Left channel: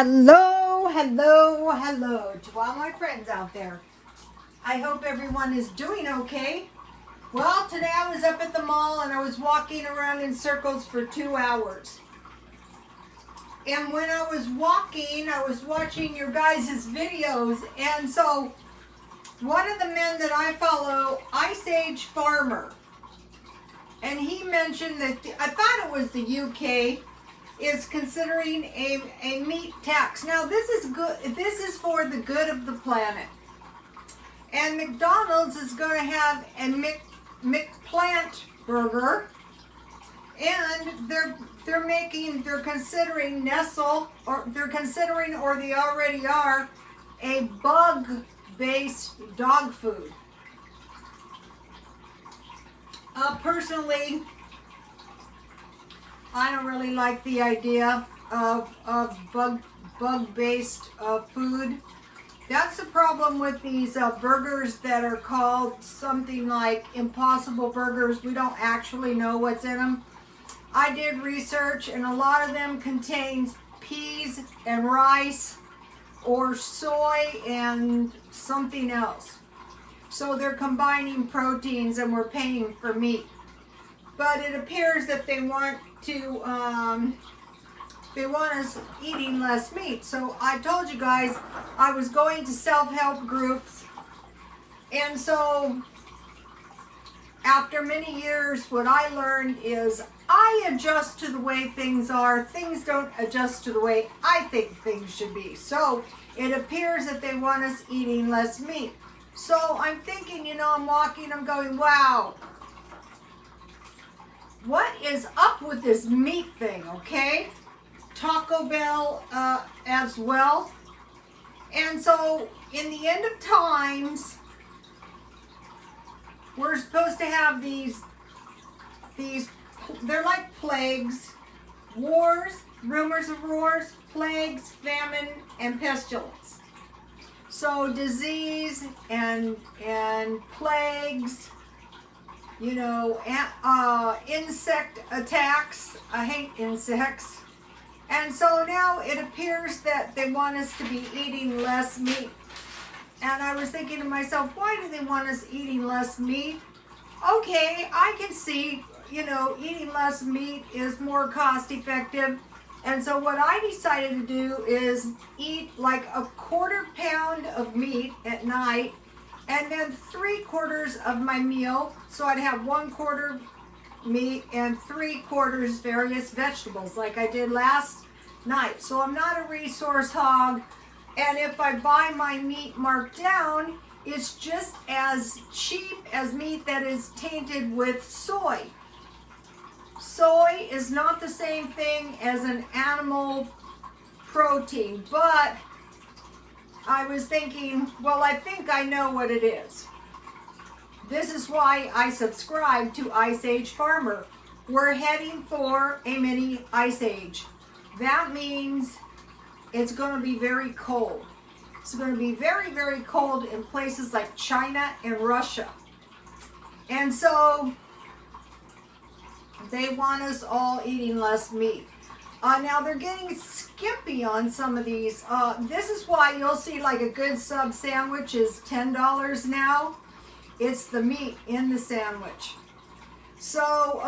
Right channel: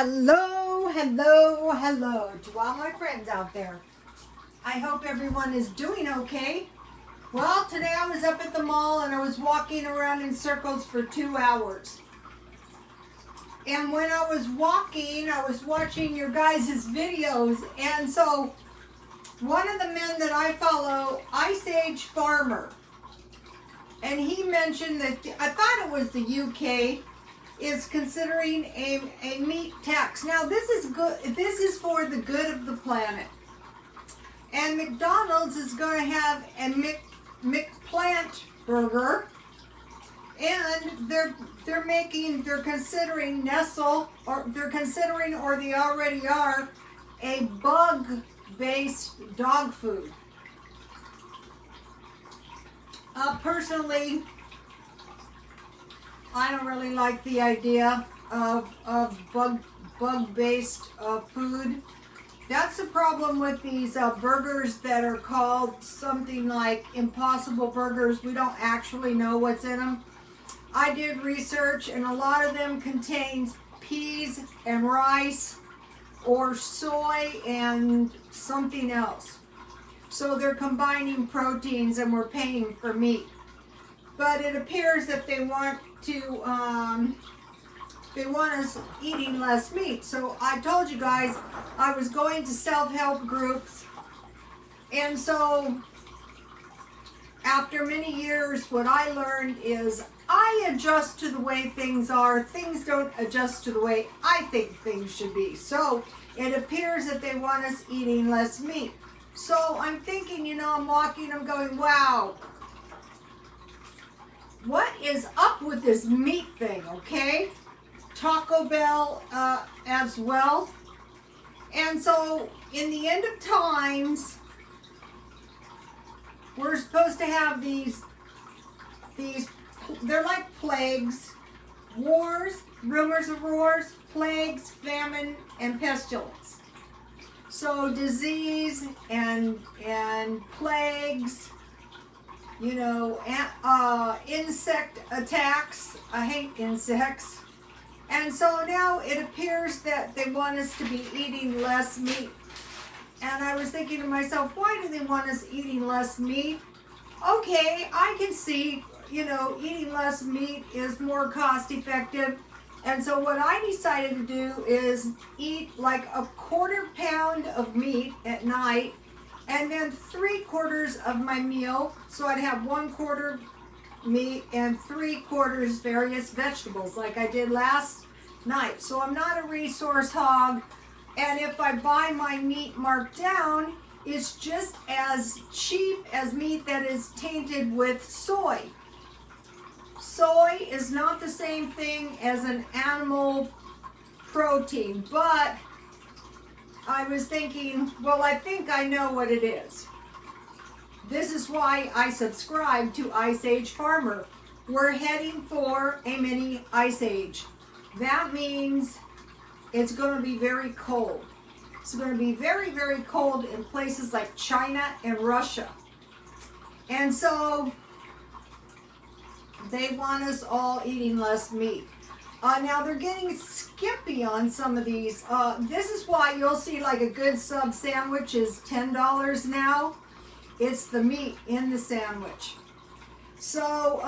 Hello, hello, hello to all my friends out there. I hope everyone is doing okay. Well, today I was up at the mall and I was walking around in circles for 2 hours. And when I was walking, I was watching your guys' videos. And so one of the men that I follow, Ice Age Farmer, and he mentioned that, I thought it was the UK, is considering a meat tax. Now this is good. This is for the good of the planet. And McDonald's is going to have a McPlant burger, and they're considering Nestle, or they already are, a bug-based dog food. Personally, I don't really like the idea of bug-based food. That's the problem with these burgers that are called something like Impossible Burgers. We don't actually know what's in them. I did research, and a lot of them contains peas and rice or soy and something else. So they're combining proteins, and we're paying for meat. But it appears that they want us eating less meat. So I told you guys I was going to self-help groups, and so after many years, what I learned is I adjust to the way things are. Things don't adjust to the way I think things should be. So it appears that they want us eating less meat. So I'm thinking, I'm walking, I'm going, wow, what is up with this meat thing, okay? Taco Bell as well. And so in the end of times, we're supposed to have these, they're like plagues, wars, rumors of wars, plagues, famine, and pestilence. So disease and plagues, insect attacks. I hate insects. And so now it appears that they want us to be eating less meat. And I was thinking to myself, why do they want us eating less meat? Okay, I can see, eating less meat is more cost effective. And so what I decided to do is eat like a 1/4 pound of meat at night, and then 3/4 of my meal. So I'd have 1/4 meat and 3/4 various vegetables like I did last night. So I'm not a resource hog, and if I buy my meat marked down, it's just as cheap as meat that is tainted with soy. Soy is not the same thing as an animal protein, but I was thinking, well, I think I know what it is. This is why I subscribe to Ice Age Farmer. We're heading for a mini ice age. That means it's going to be very cold. It's going to be very, very cold in places like China and Russia. And so they want us all eating less meat. Now they're getting skimpy on some of these. This is why you'll see like a good sub sandwich is $10 now. It's the meat in the sandwich. So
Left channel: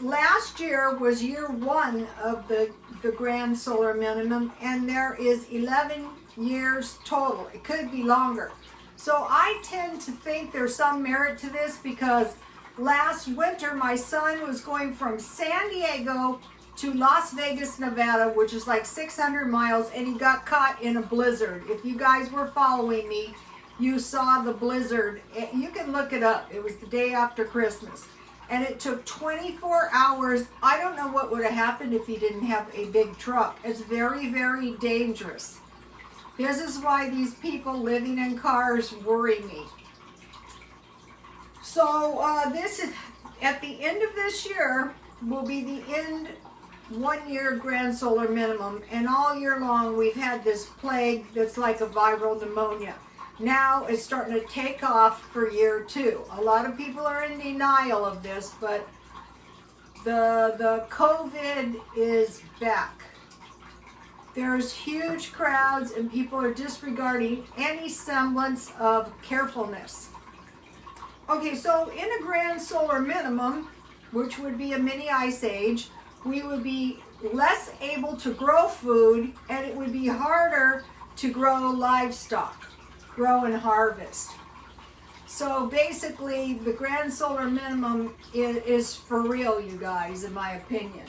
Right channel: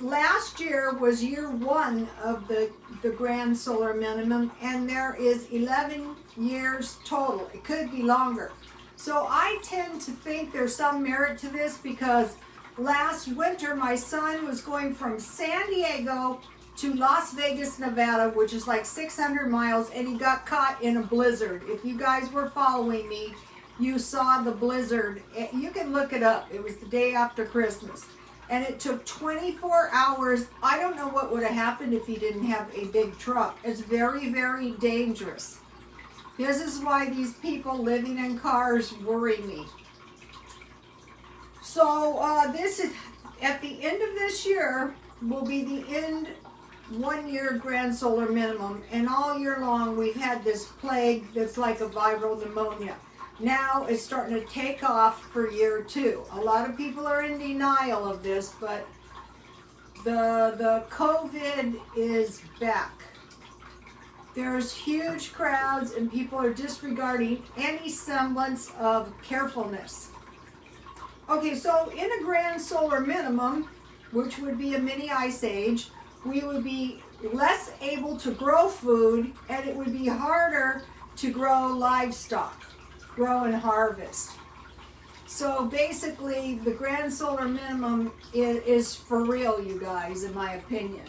last year was year 1 of the grand solar minimum, and there is 11 years total. It could be longer. So I tend to think there's some merit to this, because last winter my son was going from San Diego to Las Vegas, Nevada, which is like 600 miles, and he got caught in a blizzard. If you guys were following me, you saw the blizzard. You can look it up. It was the day after Christmas. And it took 24 hours. I don't know what would have happened if he didn't have a big truck. It's very, very dangerous. This is why these people living in cars worry me. So this is, at the end of this year, will be the end 1 year grand solar minimum. And all year long, we've had this plague that's like a viral pneumonia. Now it's starting to take off for year 2. A lot of people are in denial of this, but the COVID is back. There's huge crowds and people are disregarding any semblance of carefulness. Okay, so in a grand solar minimum, which would be a mini ice age, we would be less able to grow food, and it would be harder to grow livestock, grow and harvest. So basically, the grand solar minimum is for real, you guys, in my opinion.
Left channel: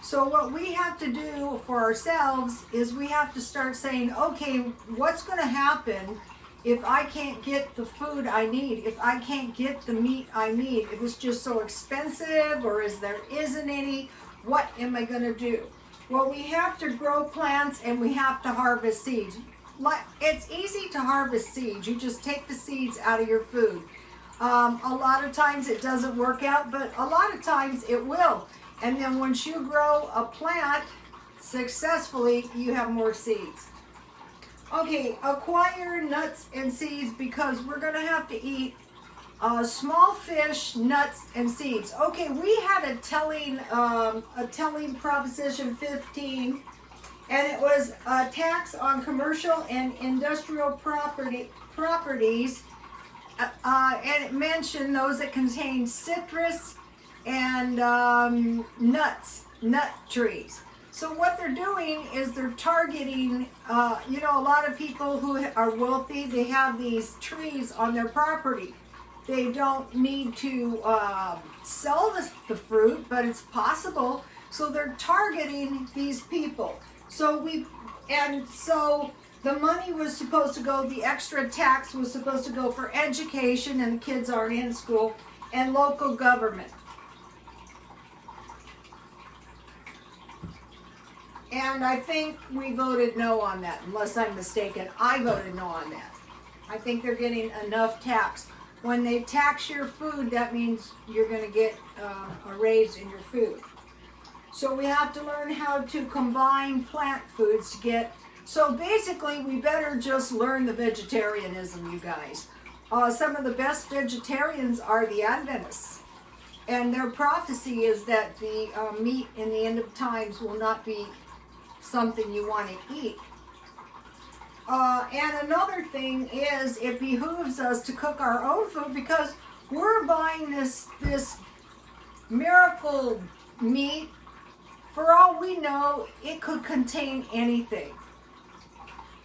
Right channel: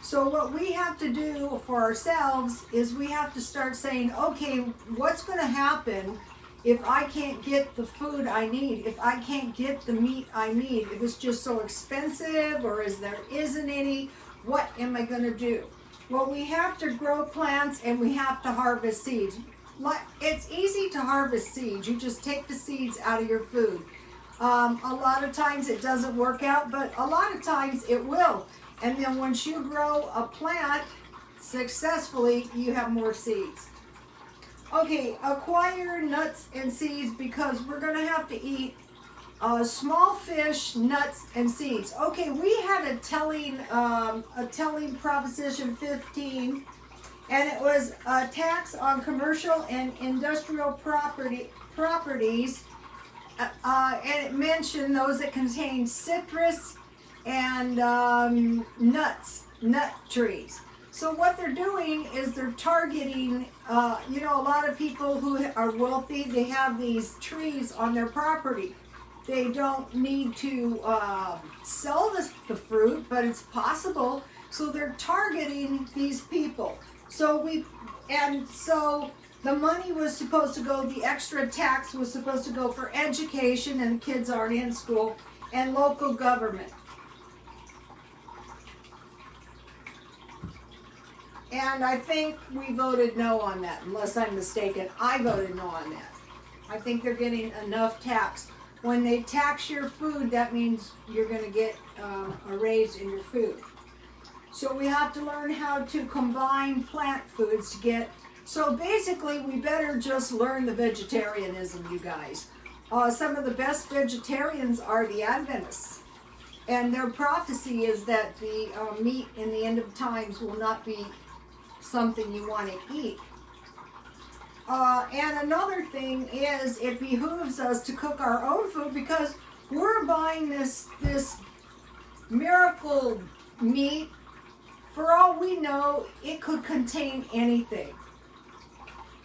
So what we have to do for ourselves is we have to start saying, okay, what's going to happen if I can't get the food I need, if I can't get the meat I need, if it's just so expensive or there isn't any, what am I going to do? Well, we have to grow plants and we have to harvest seeds. It's easy to harvest seeds. You just take the seeds out of your food. A lot of times it doesn't work out, but a lot of times it will. And then once you grow a plant successfully, you have more seeds. Okay, acquire nuts and seeds because we're going to have to eat small fish, nuts, and seeds. Okay, we had a telling Proposition 15, and it was a tax on commercial and industrial properties, and it mentioned those that contain citrus and nut trees. So what they're doing is they're targeting, a lot of people who are wealthy, they have these trees on their property. They don't need to sell the fruit, but it's possible. So they're targeting these people. So the money was supposed to go, the extra tax was supposed to go for education, and the kids aren't in school, and local government. And I think we voted no on that, unless I'm mistaken. I voted no on that. I think they're getting enough tax. When they tax your food, that means you're going to get a raise in your food. So we have to learn how to combine plant foods to get... So basically, we better just learn the vegetarianism, you guys. Some of the best vegetarians are the Adventists. And their prophecy is that the meat in the end of times will not be something you want to eat. And another thing is, it behooves us to cook our own food because we're buying this miracle meat. For all we know, it could contain anything.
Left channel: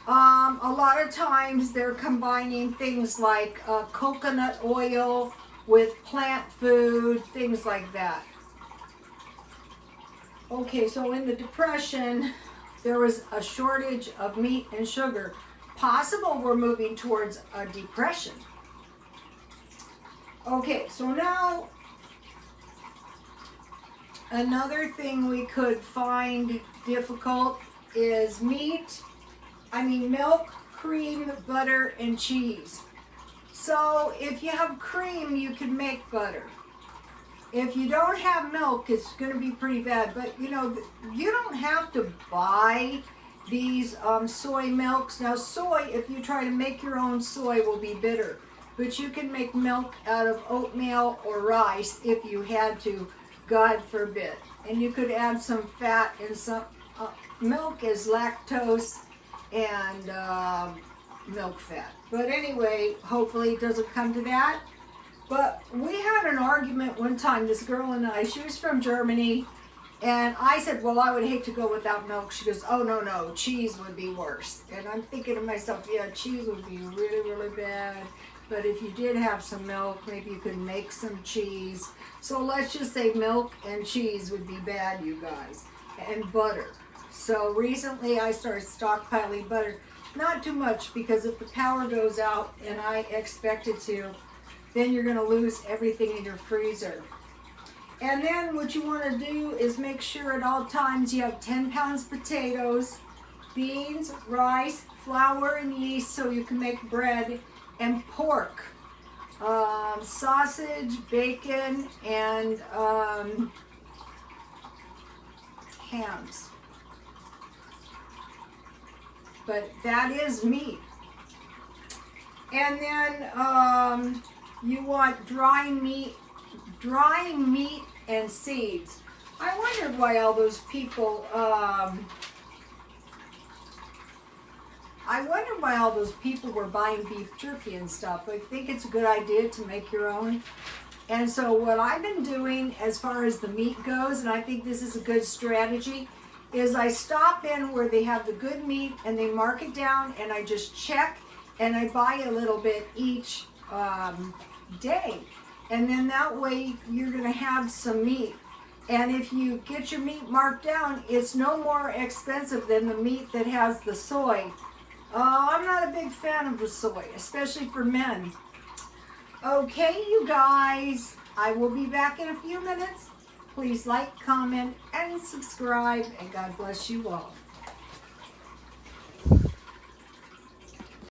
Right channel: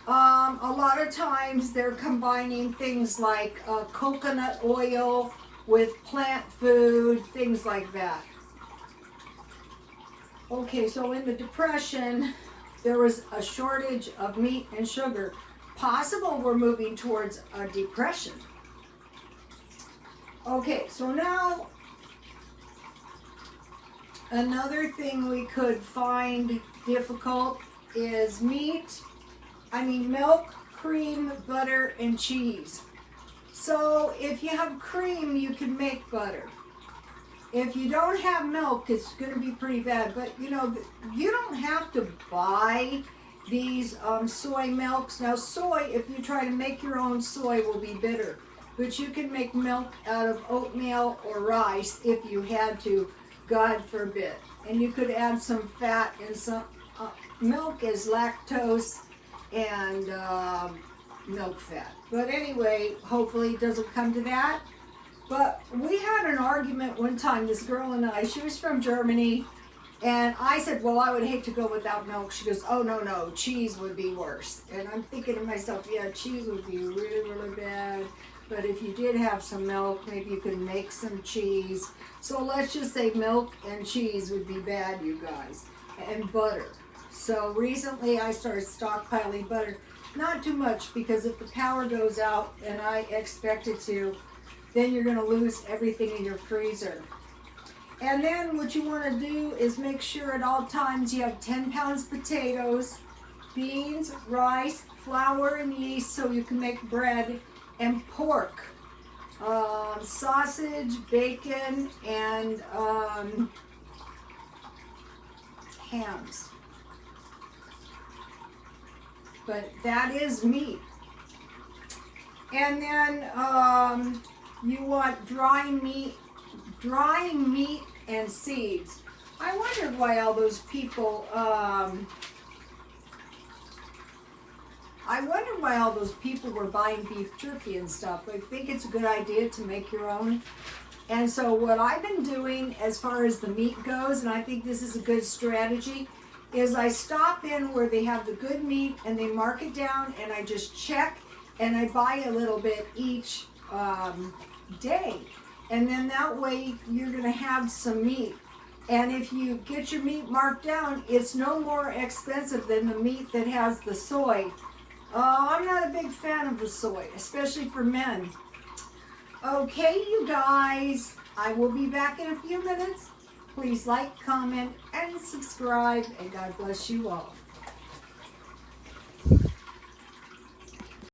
A lot of times they're combining things like coconut oil with plant food, things like that. Okay, so in the Depression, there was a shortage of meat and sugar. Possible we're moving towards a depression. Okay, so now another thing we could find difficult is milk, cream, butter, and cheese. So if you have cream, you can make butter. If you don't have milk, it's going to be pretty bad. But, you don't have to buy these soy milks. Now, soy, if you try to make your own soy, will be bitter. But you can make milk out of oatmeal or rice if you had to, God forbid. And you could add some fat and some... milk is lactose and milk fat. But anyway, hopefully it doesn't come to that. But we had an argument one time, this girl and I. She was from Germany, and I said, well, I would hate to go without milk. She goes, oh, no, cheese would be worse. And I'm thinking to myself, yeah, cheese would be really, really bad. But if you did have some milk, maybe you could make some cheese. So let's just say milk and cheese would be bad, you guys, and butter. So recently I started stockpiling butter. Not too much, because if the power goes out, and I expect it to, then you're going to lose everything in your freezer. And then what you want to do is make sure at all times you have 10 pounds potatoes, beans, rice, flour, and yeast so you can make bread, and pork, sausage, bacon, and hams. But that is meat. And then you want dry meat and seeds. I wondered why all those people, were buying beef jerky and stuff. I think it's a good idea to make your own. And so what I've been doing as far as the meat goes, and I think this is a good strategy, is I stop in where they have the good meat and they mark it down, and I just check and I buy a little bit each day. And then that way you're going to have some meat. And if you get your meat marked down, it's no more expensive than the meat that has the soy. I'm not a big fan of the soy, especially for men. Okay, you guys, I will be back in a few minutes. Please like, comment, and subscribe, and God bless you all.